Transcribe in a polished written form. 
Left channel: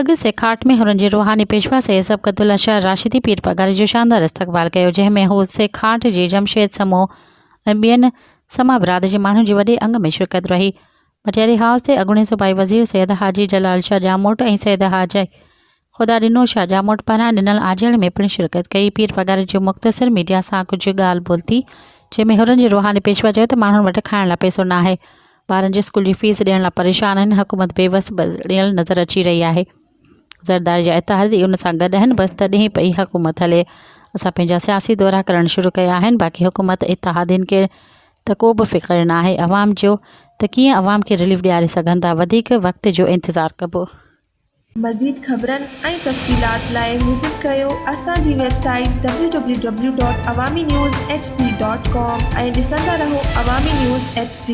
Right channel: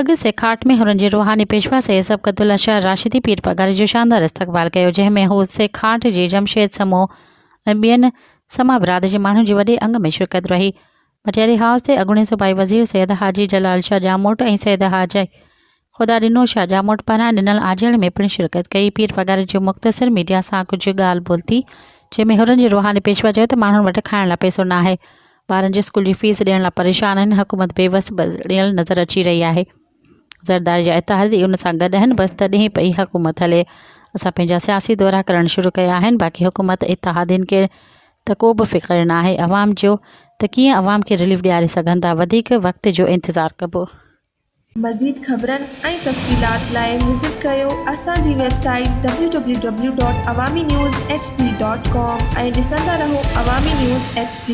लॻ सेखाट में हुननि जे रूहानी पेशवा सैयद सबक़तुल्लाह शाह राशिदी पीर पगारी जो शानदार इस्तक़बाल कयो, जंहिंमें हू सेखाट जी जमशेद समूह ऐं ॿियनि समा बिरादरी जे माण्हुनि जी वॾे अंग में शिरकत रही। मटियारी हाउस ते अॻूणे सूबाई वज़ीर सैयद हाजी जलाल शाह जामोट ऐं सैयद हाजी ख़ुदा ॾिनो शाह जामोट पारां ॾिनल आजड़ में पिणु शिरकत कई। पीर पगारी जो मुख़्तसिर मीडिया सां कुझु ॻाल्हि ॿोल थी, जंहिंमें हुननि जे रूहानी पेशवा चयो त माण्हुनि वटि खाइण लाइ पैसो न आहे, ॿारनि जे स्कूल जी फीस ॾियण लाइ परेशान आहिनि, हुकूमत बेवस ॾियणु नज़र अची रही आहे। ज़रदारी जा इतिहादी उन सां गॾु आहिनि, बसि तॾहिं पई हुकूमत हले। असां पंहिंजा सियासी दौरा करणु शुरू कया आहिनि, बाक़ी हुकूमत इतिहादीन खे त को बि फ़िक्र न आहे अवाम जो त कीअं अवाम खे रिलीफ ॾियारे सघनि था। वधीक वक़्त जो इंतज़ारु कबो। मज़ीद ख़बरनि ऐं तफ़सीलात लाइ विज़िट कयो असांजी वेबसाइट www.awamiNewsHD.com ऐं ॾिसंदा रहो अवामी न्यूज़ HD।